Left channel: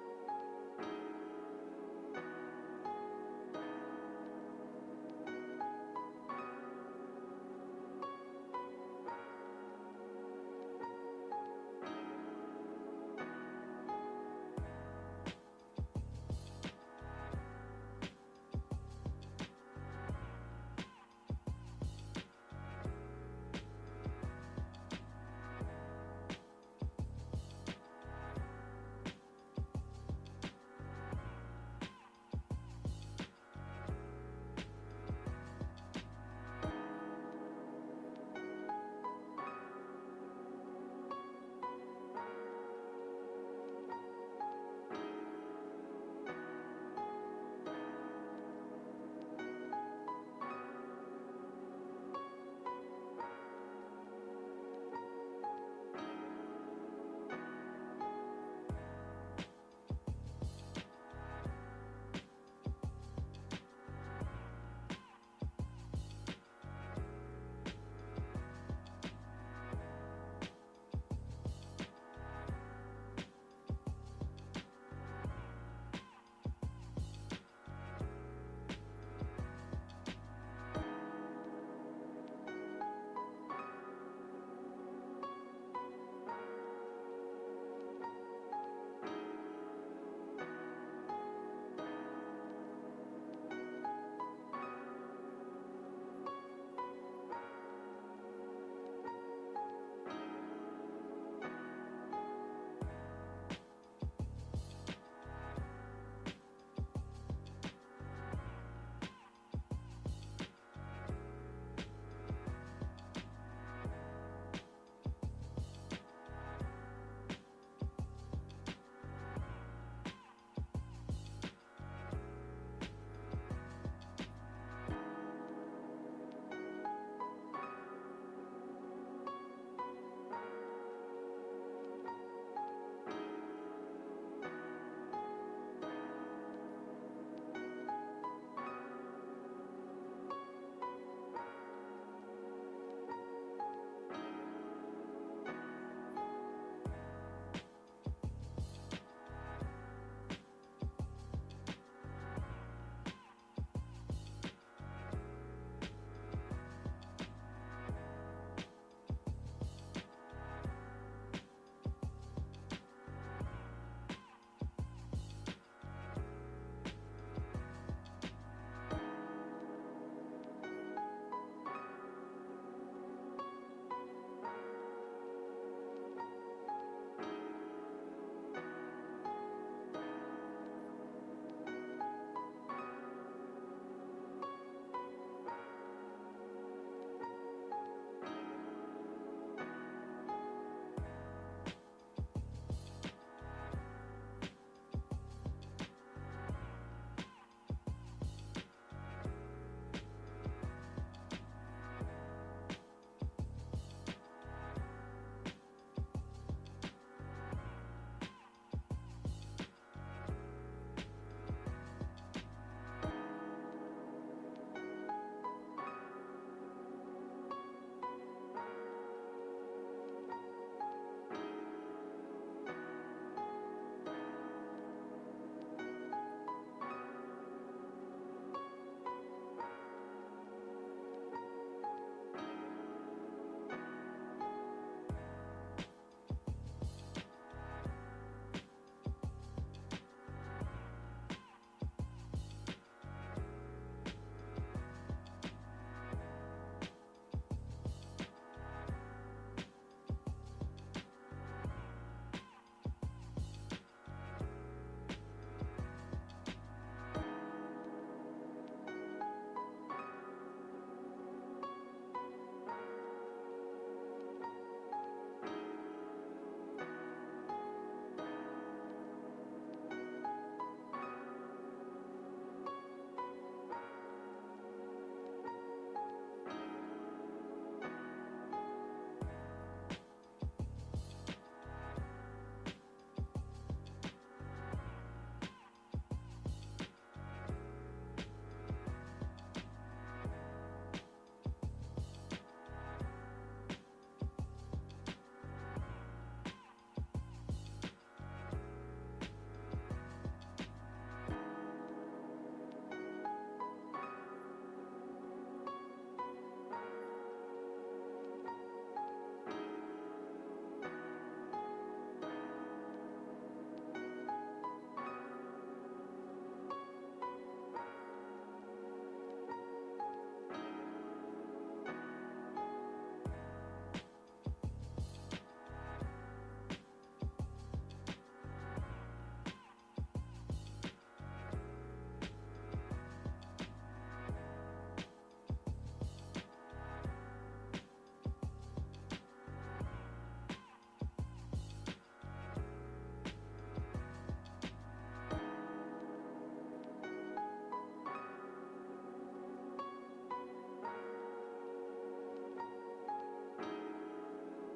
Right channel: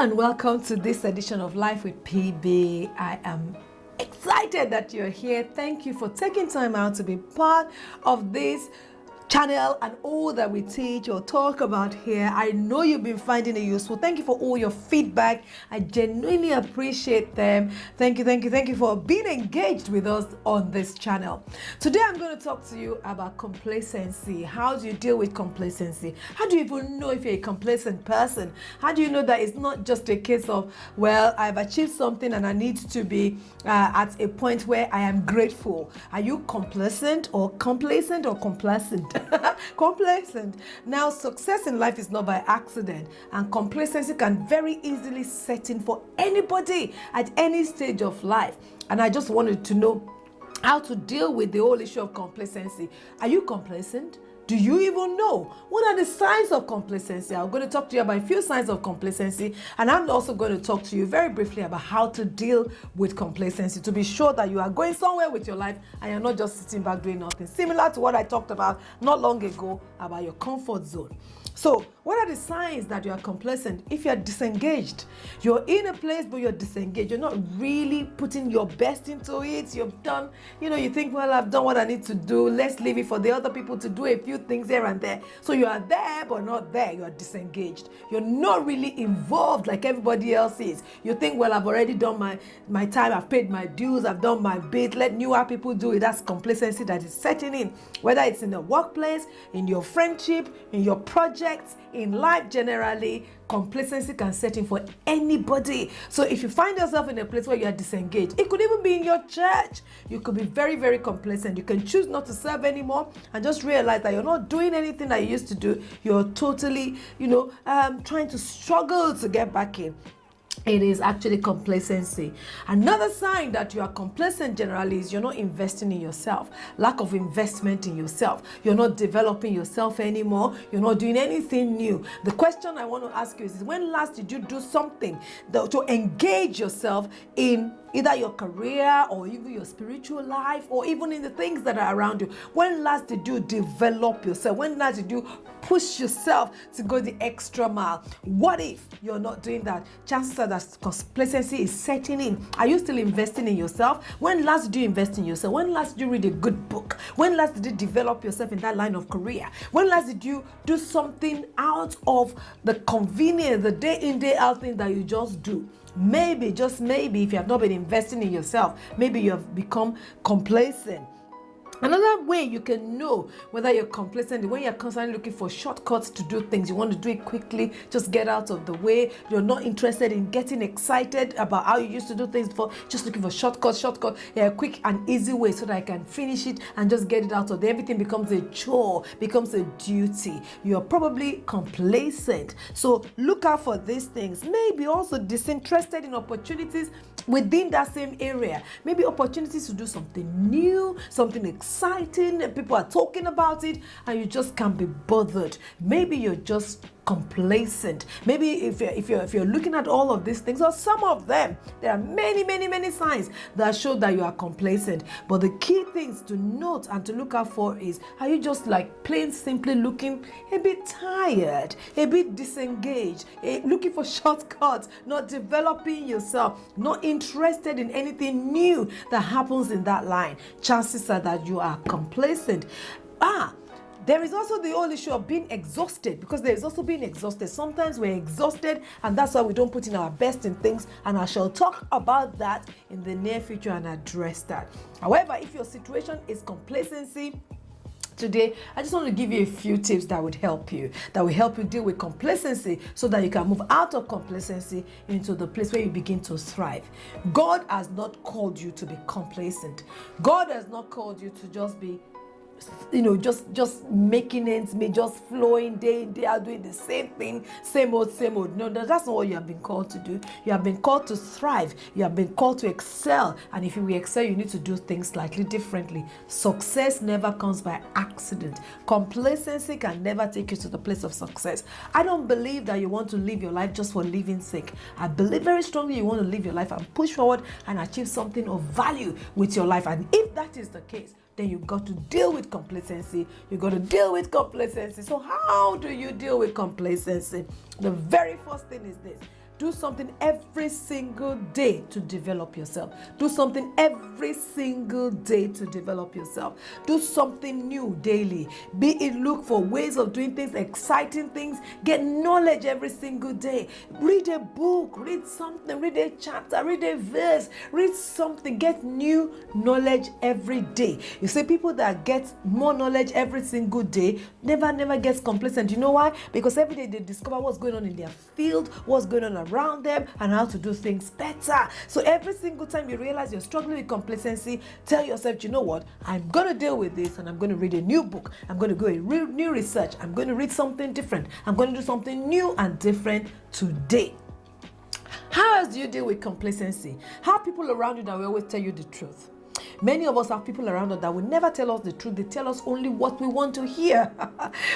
and welcome to this edition of Life with PB. I am excited that you're here. Thank you for taking time out to be part of this channel and all that we teach or talk about here. I know you've been finding it useful. Thank you for all your feedback. I genuinely appreciate them. Thank you for being engaged with us on this channel. Today I'm going to talk to you about complacency. How do you deal with complacency? How do you even know if you're a complacent person? How do you know that it's not just a case of, well, I've achieved something and I need to be at a point where I am grateful? Are you complacent or complacent? Complacent. Now, success in life is not by accident, and complacency can very easily set in for anybody at any stage of life. And I just wanted to know how to deal with the whole issue of complacency. Are you complacent? Do you even know? What are the signs of complacency? I'm going to talk to you about a few signs of complacency, and I'm also going to talk to you very briefly about how to deal with complacency to be sure that you are going somewhere with your life and you're not just sitting back doing nothing. Similar to what I talked about not long ago about your comfort zone. So, what are the signs that you are complacent? If you're disengaged, you're in a place but you're disengaged, you're not really putting your best into it, you've done, you think, well, I've done what I need to do, let's leave it for the other people to do a few things here and there. So you are there but not there, you are disengaged. You're not really involved like everybody else is. You think, well, I've already done my time, I've paid my dues, I've done my bit, let newer people do it. That's complacency that is setting in, whether it's in the workplace, in your friendship, in your project, in life generally. Complacency can set in for anybody. So if you find yourself in a place where you are disengaged, it could even be in your church, you could be very, very complacent. You can choose not to serve anymore and just realize that you're not doing anything that you used to do. You're totally, trying to struggle to get back in. It is actually complacency. Another sign that you are complacent generally is you're not investing in yourself. Lack of investment in yourself. You're not developing yourself anymore. You're not doing anything new. The question I want to ask you is when last did you do something to engage yourself in either your career or even your spiritual life or even in the things that are around you? When last did you develop yourself? When last did you push yourself to go the extra mile? What if you're not doing that? Chances are that complacency is setting in. Are you still investing in yourself? When last did you invest in yourself? When last did you read a good book? When last did you develop yourself in that line of career? When last did you do something out of the convenience, the day in, day out thing that you just do? Maybe, just maybe, if you have not been investing in yourself, maybe you have become complacent. Another way you can know whether you're complacent is when you're constantly looking for shortcuts to do things. You want to do it quickly, just get out of the way. You're not interested in getting excited about how you used to do things before, just looking for shortcut, a quick and easy way so that I can finish it and just get it out of there. Everything becomes a chore, becomes a duty. You're probably complacent. So look out for these things. Maybe also disinterested in opportunities within that same area. Maybe opportunities to do something new, something exciting, and people are talking about it and you just can't be bothered. Maybe you're just complacent. Maybe if you're looking at all of these things or some of them, there are many signs that show that you are complacent. But the key things to note and to look out for is, are you just like plain simply looking a bit tired, a bit disengaged, looking for shortcuts, not developing yourself, not interested in anything new that happens in that line? Chances are that you are complacent. There is also the whole issue of being exhausted, because there is also being exhausted. Sometimes we're exhausted and that's why we don't put in our best in things, and I shall talk about that in the near future and address that. However, if your situation is complacency, today, I just want to give you a few tips that will help you deal with complacency so that you can move out of complacency into the place where you begin to thrive. God has not called you to be complacent. God has not called you to just be just making ends meet, just flowing day in, day out, doing the same thing, same old. No, that's not what you have been called to do. You have been called to thrive. You have been called to excel. And if you will excel, you need to do things slightly differently. Success never comes by accident. Complacency can never take you to the place of success. I don't believe that you want to live your life just for living's sake. I believe very strongly you want to live your life and push forward and achieve something of value with your life. And if that is the case, then you've got to deal with complacency. You've got to deal with complacency. So how do you deal with complacency? The very first thing is this. Do something every single day to develop yourself. Do something every single day to develop yourself. Do something new daily. Be it look for ways of doing things, exciting things. Get knowledge every single day. Read a book, read something, read a chapter, read a verse, read something. Get new knowledge every day. You see, people that get more knowledge every single day never gets complacent. You know why? Because every day they discover what's going on in their field, what's going on around them, and how to do things better. So every single time you realize you're struggling with complacency, tell yourself, you know what, I'm going to deal with this, and I'm going to read a new book. I'm going to go and read new research. I'm going to read something different. I'm going to do something new and different today. How else do you deal with complacency? Have people around you that will always tell you the truth. Many of us have people around us that will never tell us the truth. They tell us only what we want to hear.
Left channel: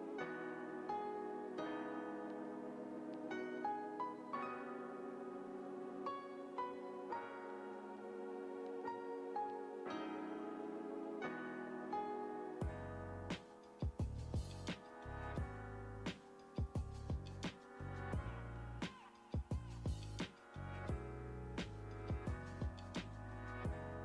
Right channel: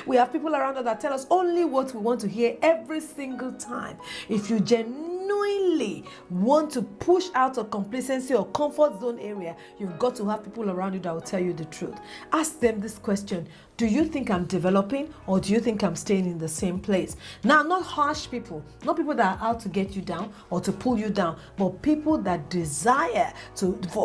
We have people around us that tell us only what we want to hear every single time. If you genuinely want to push out of complacency or comfort zone area, you've got to have people around you that will tell you the truth. Ask them this question: do you think I'm developing, or do you think I'm staying in the same place? Now, not harsh people, not people that are out to get you down or to pull you down, but people that desire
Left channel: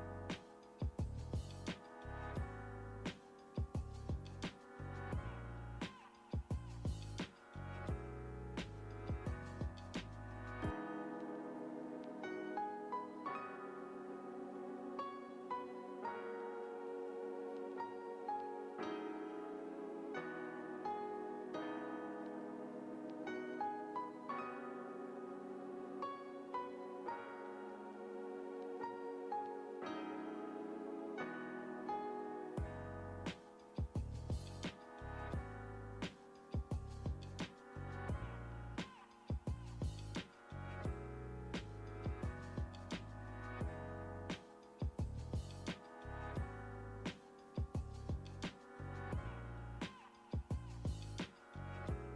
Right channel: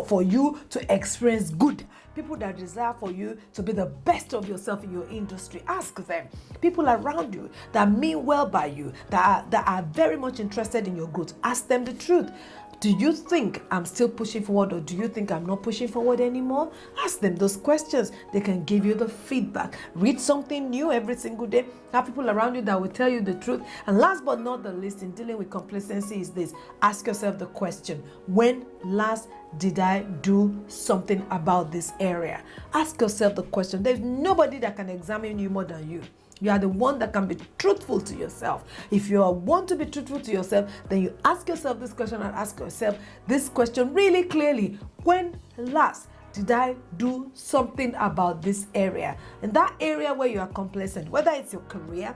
for you to experience good. People that desire for you to be the best of yourself in your industry. Ask them. People around you that mean well by you, that are very much interested in your growth. Ask them the truth. Do you think I'm still pushing forward, or do you think I'm not pushing forward anymore? Ask them those questions. They can give you the feedback. Read something new every single day. Have people around you that will tell you the truth. And last but not the least, in dealing with complacency is this: ask yourself the question, when last did I do something about this area? Ask yourself the question. There's nobody that can examine you more than you. You are the one that can be truthful to yourself. If you want to be truthful to yourself, then you ask yourself this question and ask yourself this question really clearly. When last did I do something about this area? In that area where you are complacent, whether it's your career,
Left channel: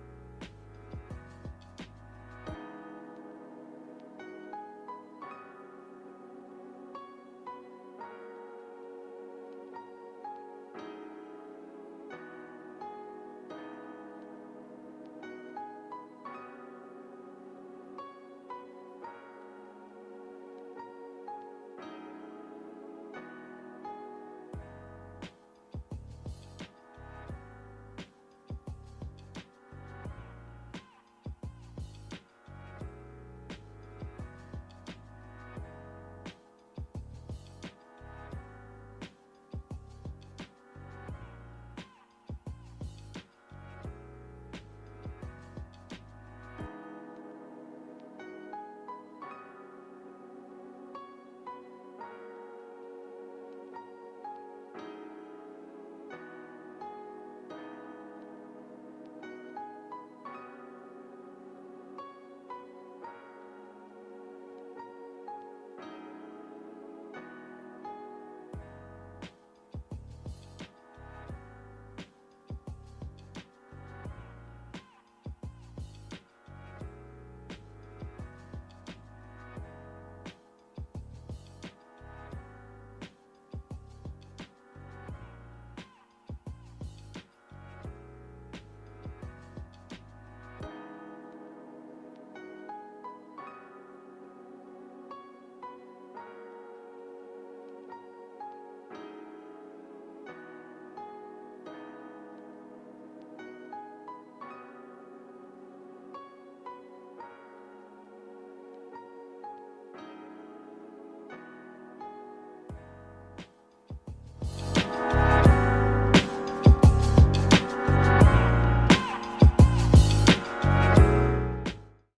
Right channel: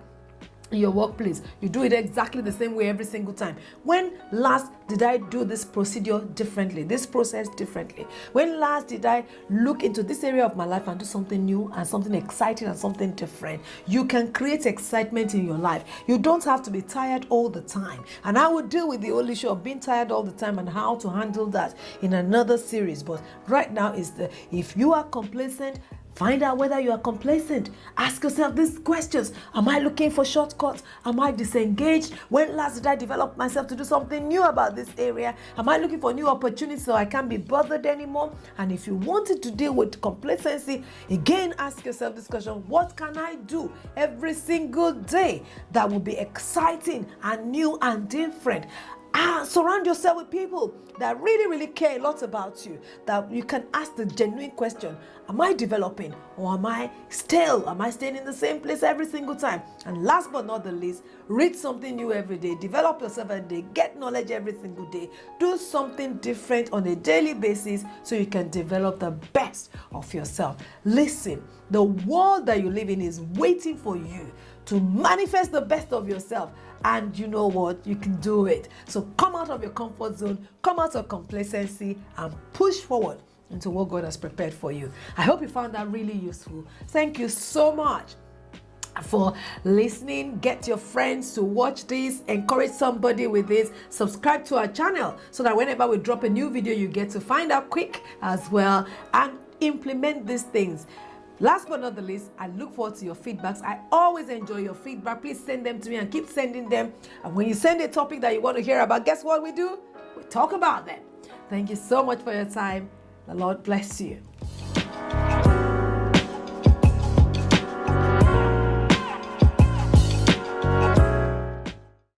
in your workplace, you do it exactly the same way every single time. When last did I do this procedure differently, this process differently? When last did I look into this area of my life and do something new and something exciting and something different? You can create excitement in your life. You don't have to be tired all the time. And I will deal with the whole issue of being tired all the time and how to handle that in another series. But right now is if you are complacent, find out whether you are complacent. Ask yourself these questions. Am I looking for shortcuts? Am I disengaged? When last did I develop myself to do something new about this area? Am I looking for new opportunities so I can't be bothered anymore? And if you wanted to deal with complacency, again, ask yourself this question: what can I do every single day that will be exciting and new and different? Surround yourself with people that really care a lot about you, that you can ask the genuine question: am I developing, or am I stale? Am I staying in the same place every single time? And last but not the least, read something new every day. Develop yourself every day. Get knowledge every single day. Do something different on a daily basis so you can develop the best of yourself. Listen, the world that you live in is waiting for you to manifest the best of yourself. And you know what? You can do it. So come out of your comfort zone, come out of complacency, and push forward into what God has prepared for you. I hope you found that really useful. Thank you so much for listening. Get your friends to watch this. Encourage somebody with this. Subscribe to our channel so that whenever we drop a new video, you get to find out quick as well, and implement these things. Last but not the least, I look forward to your feedbacks. I always enjoy your feedback. Please send them to me and keep sending them. And when you send a topic that you want to hear about, guess what we do? We talk about them. Thank you so much for your time. The Lord bless you.